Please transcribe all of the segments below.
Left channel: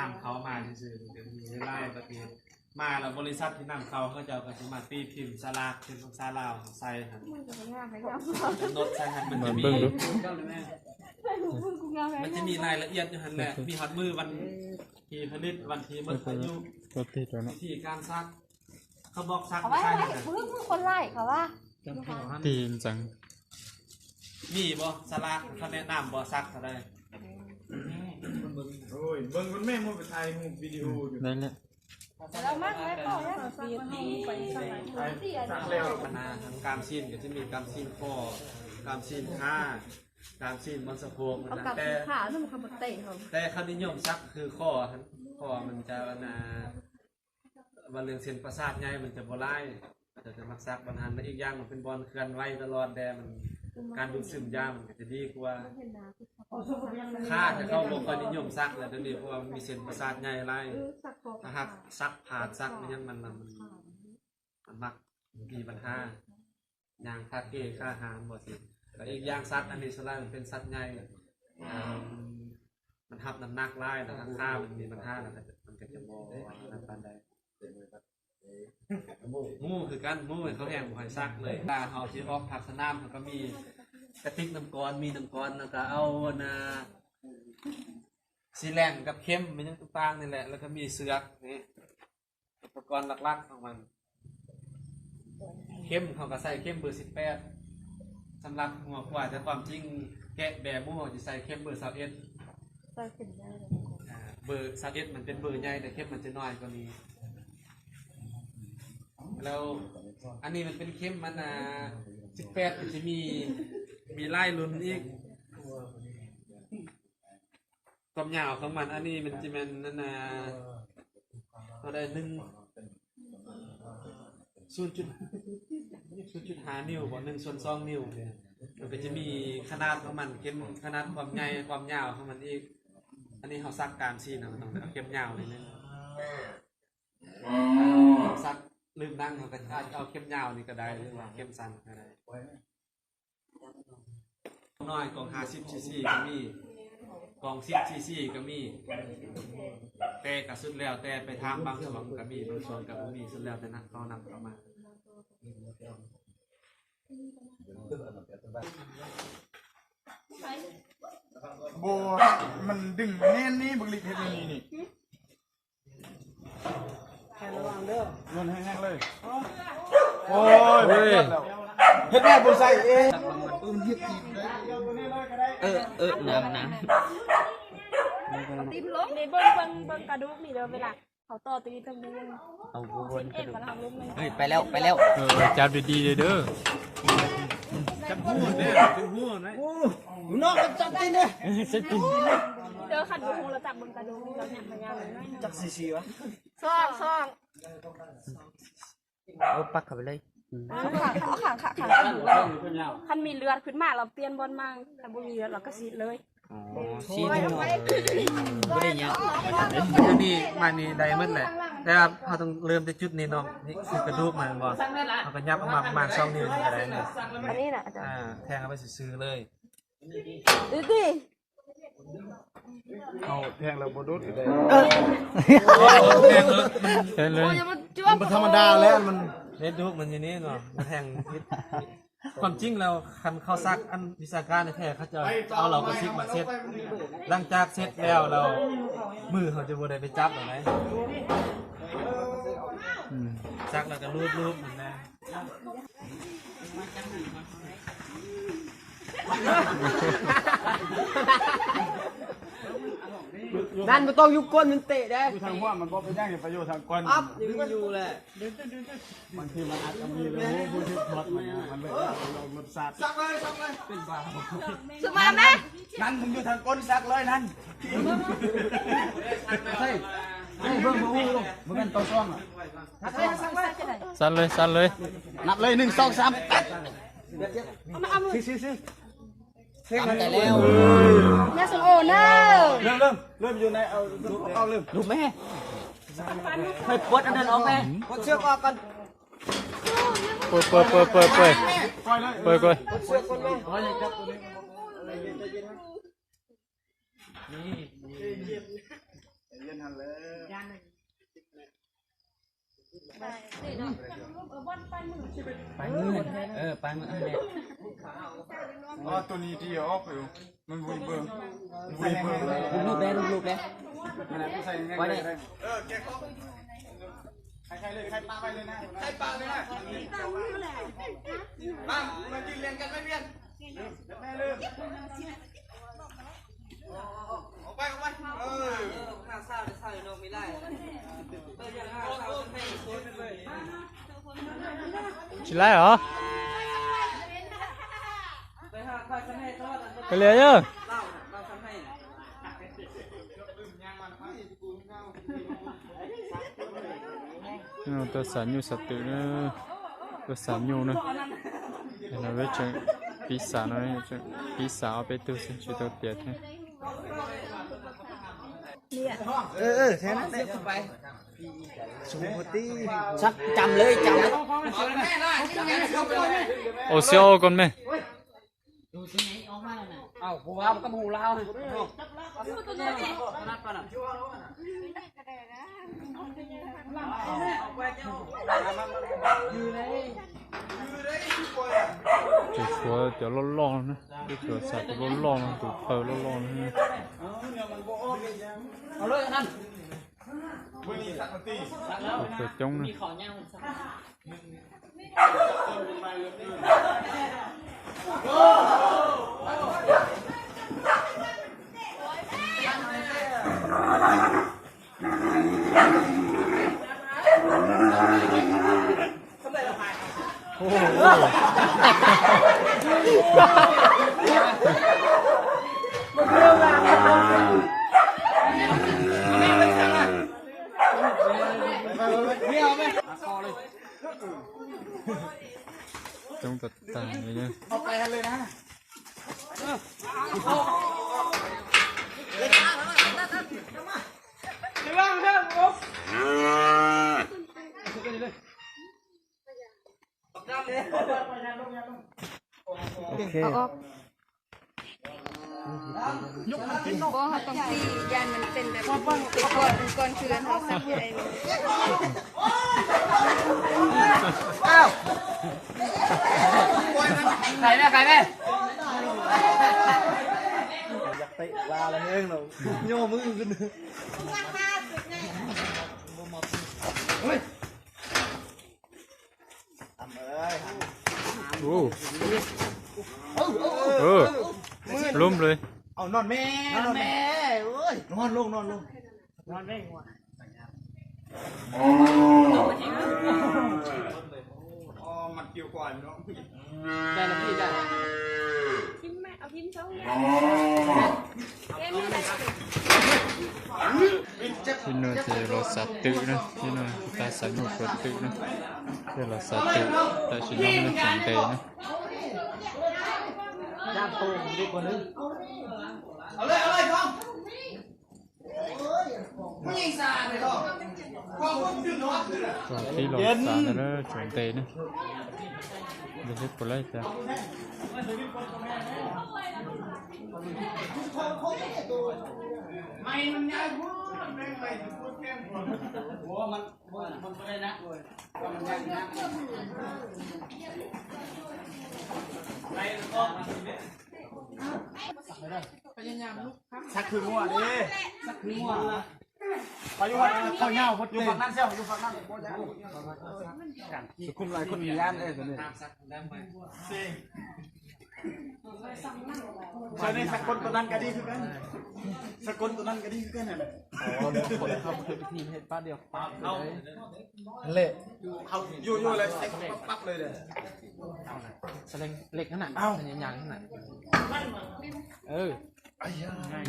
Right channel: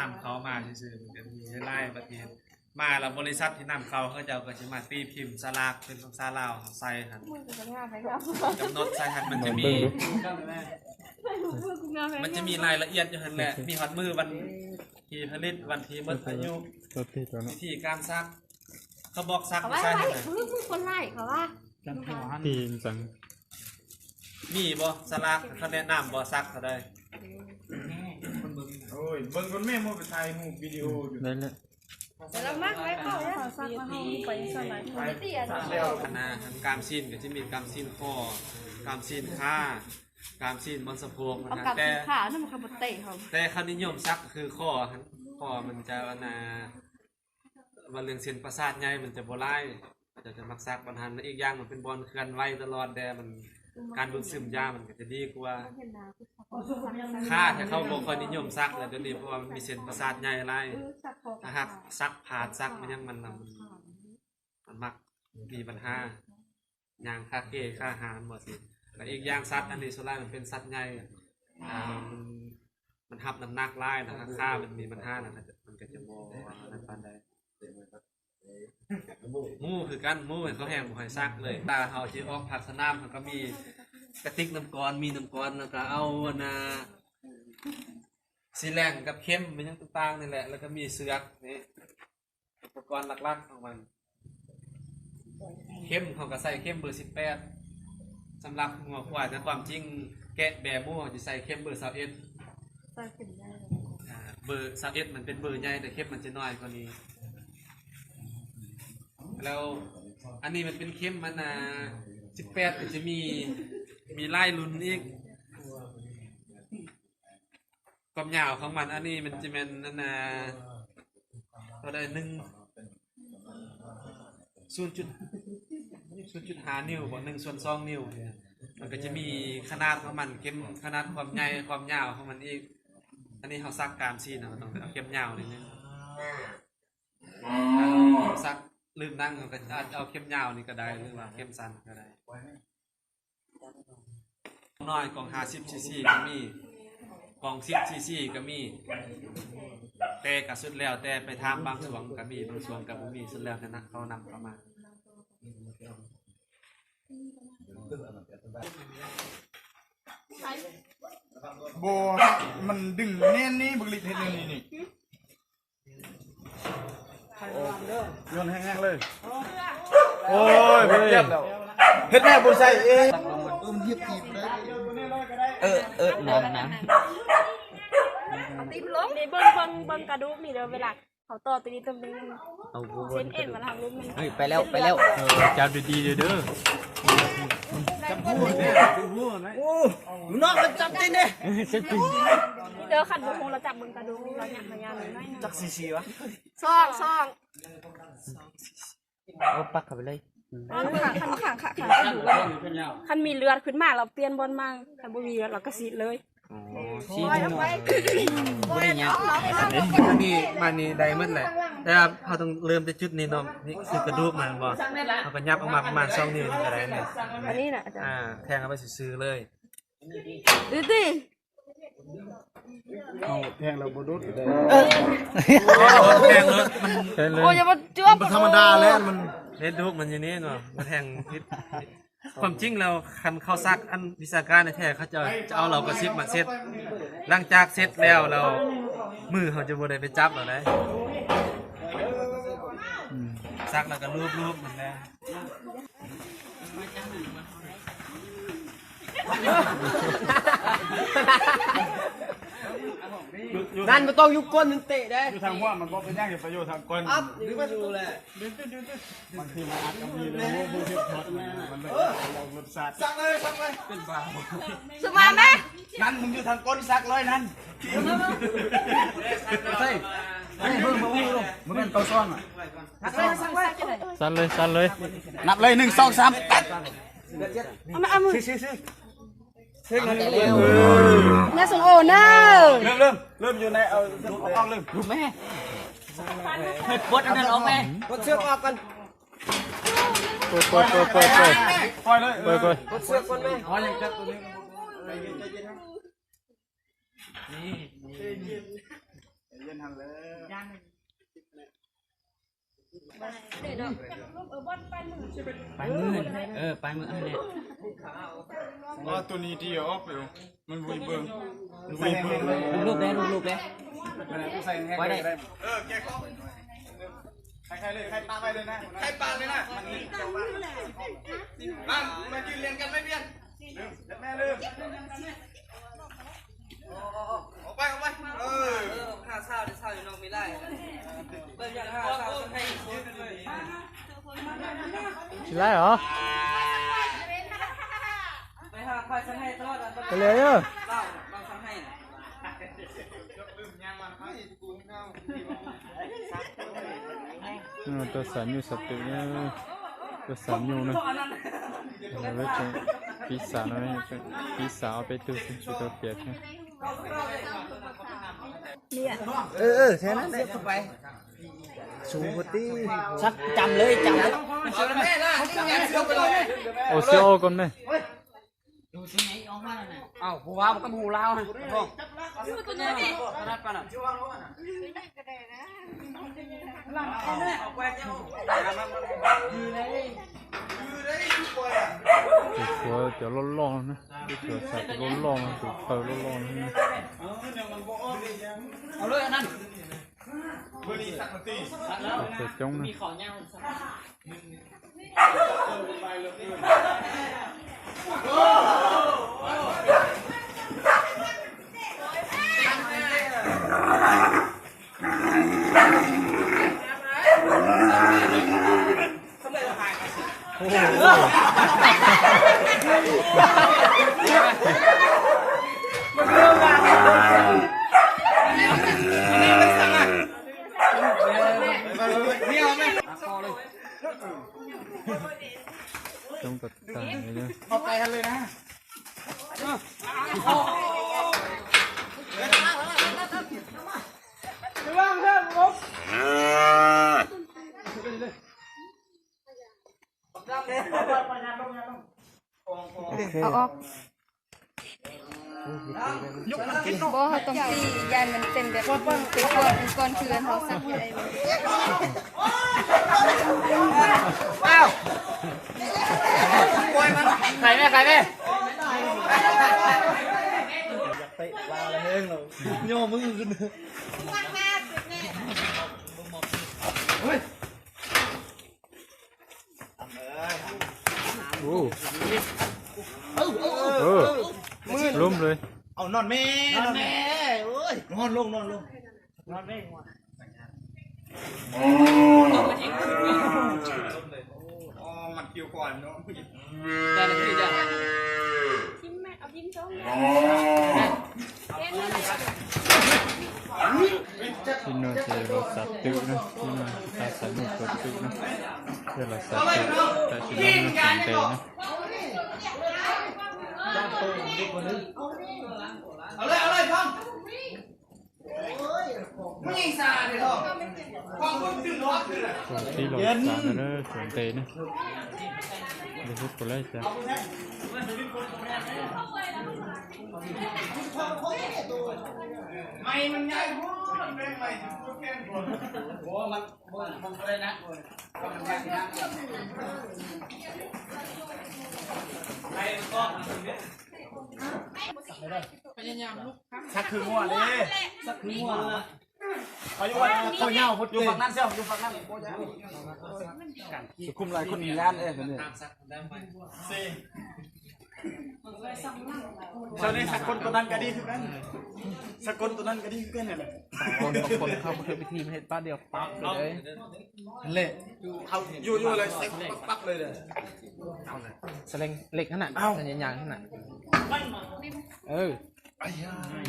นำเขามาซื่อๆมันจะมีไล่ประเทศมาแล้วบริษัทที่นำเขาจะเอาก็จะมาตีพิมพ์สลากเป็นภาษาลาวใส่หันกำหนดใส่หันมันจะมีรายละเอียดอยู่หันแหละมีฮอตมือวันที่ผลิตวันที่หมดอายุวิธีการซักเขาบอกซักไม่ใช่ไหมคนไล่เขาว่าตีนจังนี่บ่สลากเขาแนะนำบ่ซักเขาได้โอ้ยเบิ่งคนแม่โมไปถ่ายรูปวิดีโออยู่ได้แล้วแต่เรามากไว้เข้าเนี่ยไปสมัยการซีนก็จะมีการซีนคอการซีนขาการซีนบนสะโพกมันแต่ขาเนี่ยมันขับเตะเขาแต่เขานิยมซักคือคอมันจะวันเรื่องเส้นประสาทใหญ่มันจะบ่ไล่จะมักซักบรรทันและอีกอย่างมันเป็นบอลเคลื่อนไหวตลอดแต่มันการดูดซึมยามันก็จะดีกว่าค่าจะเข้าโรงคอยนิยมซักแล้วเดี๋ยวนี้เพราะว่ามันมีเส้นประสาทใหญ่ไล่ถ้าหากซักผ่าซักมันยังมันมักมีปัญหาอย่างค่าเกค่าอาหารหมดสิและอีกอย่างสัตว์อันนี้ส่วนใหญ่มันเป็นสัตว์ใหญ่มันทับน้ำหนักไล่นะครับค่ามันมีปัญหามันก็จะโมนั่นปานใดมูคือกันมูเขาแห้งหอยซักเลยตาเขาที่ออกผักสนามเขาก็มีกระติกน้ำก้อนมีน้ำก้อนแล้วก็เอาสีแรงกับเข้มมันยังต่างนี่แหละแล้วก็มีเสือกนี่อุปกรณ์หลักๆของมันเข้มเขาก็ใส่เข้มเบอร์18สำหรับหัวควายแต่ความจริงแกะแบบมูจะใส่เข้มเบอร์21เบอร์21มันเป็นเบอร์ใหญ่แต่เข้มมันจะน้อยกว่านี้แล้วอันนี้มันเป็นเข้มมัน18มันจะมีไล่ลุ้นอีกความยาวของมันอันนี้มันจะเป็นนั่นเราได้0.5 นิ้วบ่1/2 นิ้วมันก็จะมีขนาดของมันเข้มขนาดความใหญ่ความยาวของมันอีกอันนี้เขาซักกามซีนะต้องเอาเข้มยาวนิดนึงซักลืมนั่งเขาก็เอาเข้มยาวนี่ก็ได้หรือว่าเข้มสั้นก็ได้น้อยกล่อง50 cc ก็มีกล่อง10 cc ก็มีแต่ก็สุดแล้วแต่ไปทำบางส่วนก็มีบางส่วนก็บ่มีสุดแล้วแต่นักเขานำเข้ามาโบมันดึงแน่นนี่บึกลิดเฮ็ดนี่โยนแห้งๆเลยโอ้ยเฮ็ดแม่บ่ใส่เองเฮ็ดจีบได้ลองนะตีบล้มนี่เบิ่งกระดูกนี่เด้อเวลาเขาต่อตีตรงนี้เอาเส้นเอ็นมาทำเล่มนึงเฮ้ยไปแล้วจับดีๆเด้อจับหัวเนี่ยจับหัวนะน้องก็จับตีนี่เด้อขันบุหงเราจับเบิ่งกระดูกเราเนี่ยพยายามเลยจักซีวะซ่องเอาปักเข้าไปเลยคันมีเลือดขึ้นมาเราเปลี่ยนบนมาแต่บ่มีเลือดเราก็ซีดเลยซีดหน่อยบ่ได้ยังอันนี้มานี่ได้หมดแหละแต่ว่าเขาต้องเริ่มจากจุดนี้เนาะนี่คือกระดูกมันบ่เขาก็ยับออกมาประมาณ2 นิ้วก็ได้เนี่ยอันนี้น่ะแทงเอาไปซื้อเลยดิแทงแล้วบ่ดุดได้โอ้ยมันจ้วงมันธรรมดาแล้วมันเฮ็ดดูมันอยู่นี่เนาะมันแทงความจริงแล้วคันเข้าซักอันวิชาการในแท้เขาจะเอาเรากระซิบมาเซ็ตหลังจากเซ็ตแล้วเรามือเขาจะบ่ได้ไปจับหรอกนะซักแล้วก็รูปมันแหละนั่นมันต้องยุกก้นมันเตะได้อยู่ทางหัวมันบ่ไปย่างอย่าไปอยู่ทางก้นอยู่แหละบางทีมันอัดมีเลยผู้ที่ทอดมันเลยเรารสชาติซักเลยเป็นบ้าสบายไหมนั่นมึงอยู่ทางก้นซักเลยนั่นใช่มึงเป็นตัวซ้อนสั่นเลยนับเลย1 2 3เอามือเช็คเลยเนี่ยส่งโอเนอเริ่มอยู่ในเอาเริ่มดูแม่ให้ปลดอันนั้นออกแม่ปลดเชือกออกกันเปิดปล่อยเลยเปิดเชือกกันเลยอ๋อยังจับตัวนี้นี่ ไปมือไปมืออะไร อ๋อตัวนี้ที่ออกอยู่มันวุ้ยเบิ่งวุ้ยเบิ่ง ลูกๆได้ลูกๆได้ ไว้ได้แกะของใครเลยใครปาไปเลยนะใครปาเลยนะมายืนเรียนกันไม่เรียนแม่ลืมออกไปข้าเศร้าอยู่นอกไม่ได้เปิดข้าเศร้าให้ ชิไล่เหรอ ไปหาใครจะให้ทอด ไปเลยเด้อ เราทำให้ ตัวสันอยู่สตินะตัวสันอยู่นะเราเวชปีศาจอะไรปีศาจเอาไปตัวสิตัวเปียกนะ ใช่ไหมเสียบไป ชักจำเลยจำเลย แม่ล่ะเสียบไปเลย โอเซียวก่อนไหม ดูที่ไหนออกมาแล้วน่ะ อ้าวผู้ว่ามันก็หูเล่านะตัวใหญ่กว่านับกันอ่ะเอาไปเจ้า ตัวเดี๋ยวร้อนๆนะตัวสัตว์ร้อนๆตัวเผาร้อนๆนะ เอาเลยอันนั้น มือนี้สักตี ตัวจ้องนะ มีของย่างสัก จ้องตัดตาเลยนะ เอาไปกันเลยนะ โอเค บ่ต้องตียันมันเป็นแบบเป็นก้อนคือเขาสักใหญ่ ใครแม่ใครแม่ โอ้ล้มเลย เอานอนแม่นอนแม่โอ้ยนอนลงอ๋อมันเกี่ยวก่อนเนาะ ได้เลยพี่ได้ พิมพ์แม่เอาพิมพ์ช่อง ที่นู่นจะรถสัตว์ตึกนะที่นู่นตาสันนุรถตึกนะที่รถสัตว์ตึกแต่ชิน้องนะสนใจนะ เอาเลยพ่อไม่ยิงซาเลยพ่อพ่อก็ขึ้นรถ ก็ที่รถสัตว์นะสนใจนะเดี๋ยวพูดไปเลยจ้ะ ไม่มันใหญ่พูดมันไม่ไหวโอ้มันอะไรนะมันใหญ่นะสักคือหัวเลยสักคือหัวเขาอยู่ว่าเขาเน่าพดอยู่ฝั่งนั้นเสี้ยวอยู่ฝั่งนั้นสุขุมหลายคนมีงานเอ้ยคนนี้เจ้านี่สักคนตัวนั้นก็ดีขึ้นกันสักคนตัวนั้นก็ดีขึ้นกันเลย เป็นทีมเห็ดป้าเดียว เอาเละเขาอยู่เลยปั๊บเลย สเลงเหล็กขนาดสัญญาณขนาด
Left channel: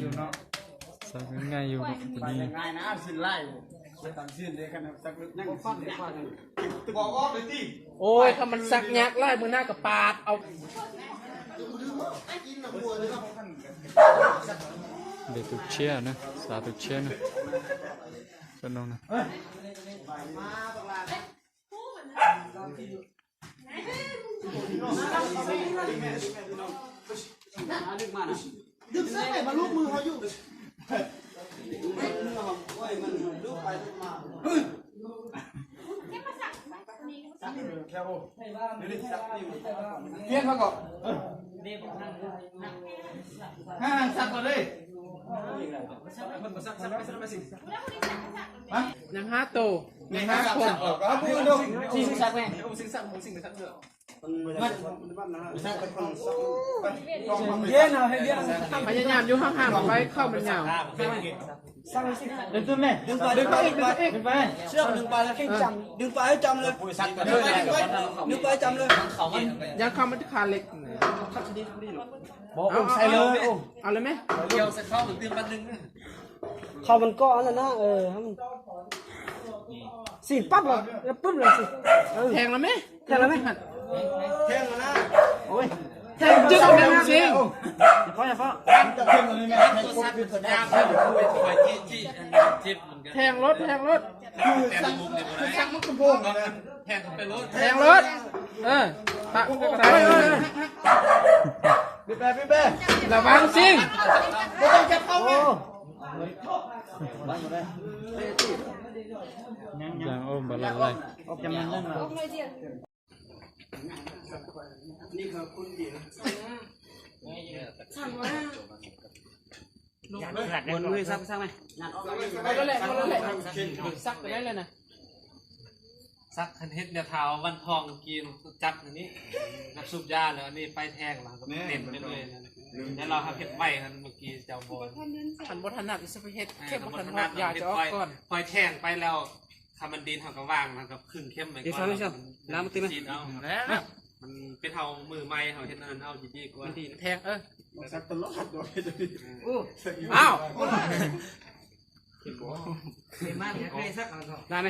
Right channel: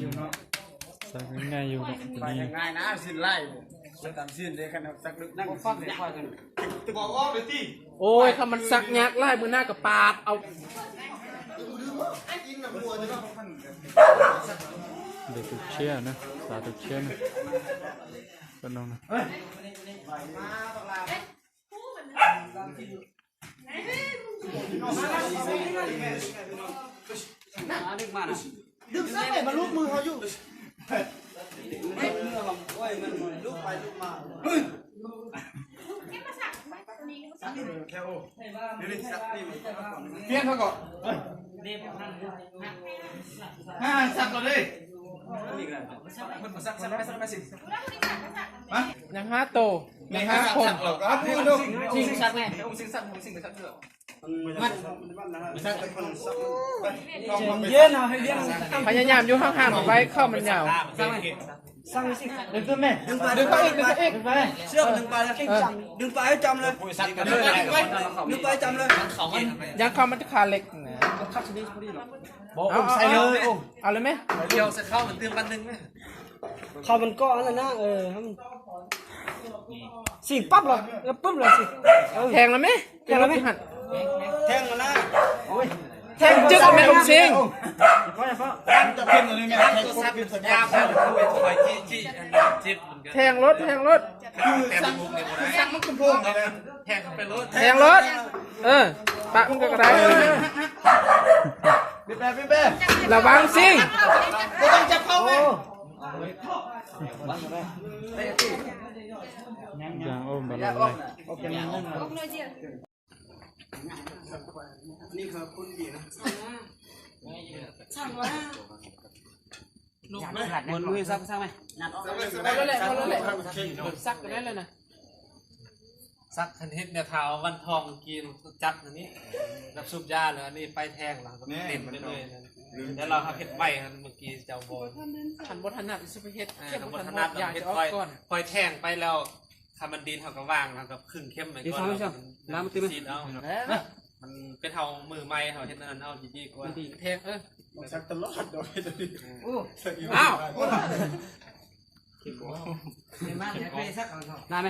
อยู่เนาะ สักง่ายอยู่เนาะตัวนี้ ง่ายนะสิ้นไล่ตัดสิ้นเลยขนาดสักนั่งฟังเลยบอกว่าไปที่ โอ้ยถ้ามันสักยักไล่มือหน้ากับปาดเอา เด็กตุกเชี่ยนะสาตุกเชี่ยนะก็น้องนะ ดึงเส้นมาลูกมือเขาอยู่ แค่โอ้นี่ซักนี่ เพี้ยนเขาก่อนห้าสักก่อนเลยมา ยัง5โต ในห้าสักก่อนก็พูดดู สิงสักแม่ เย็นเอาให้เย็น พยายามอยู่ห่างๆไว้เข้ามันยาว ดึงขึ้นแม่ดึงไปเชือกดึงไปแล้วดึงไปให้จำเลยดึงไปจำเลย ยังเข้ามันจะขาเหล็ก บอกใส่เลย เอาเลยไหม เดี๋ยวจะเข้าเหมือนเตือนบันนึงไหม เขามันก็อันนั้นนะให้มันสิ่งปั๊บเลยแล้วปุ๊บเลยสิ แทงแล้วไหม แทงแล้วไหม แทงมาหน้า แทงจึ๊กแม่ลูกซิง จะเพ่งตัวนี้แม่ให้ครบเป็นสัญญา เพื่อนคุยถอยจี้จิบเหมือนกัน แทงรถคือสั่งมันกระโปงเลยนะ แทงเข้าไปรถ แทงรถตักมันก็กระไร พี่แป๊พี่แป๊ ระวังซิง ไม่ต้องจับเข้าแม่ ยางโอ้บาลอะไร นี่คือคุณดีนะ มือซักไหมไปเลยซักไปได้เลยนะ ซักคันเฮ็ดเนี่ยเท้าวันทองกินจับอันนี้กับซุปยาเลยอันนี้ไปแทงหลังกับเต็มไปเลยแล้วเราเฮ็ดไว้กันเมื่อกี้เจ้าบอล ขันบถนัดจะไปเฮ็ดเข้ม บ บ น ถ ถ นั นั ด ด อยาก เฮ็ด จะออ ค ก อย ก่อน คอยแทงไปแล้วคามันดินเขาก็ว่างมันก็ครึ่งเข้มไปก่อนแล้วมันกินเอามันเป็นเท่ามือไม้เขาเฮ็ดนั่นเอาดีๆกว่า แทงสักตลอดโดยตัวนี้ อ้าว เก่งมากเลยสัก ได้ไหม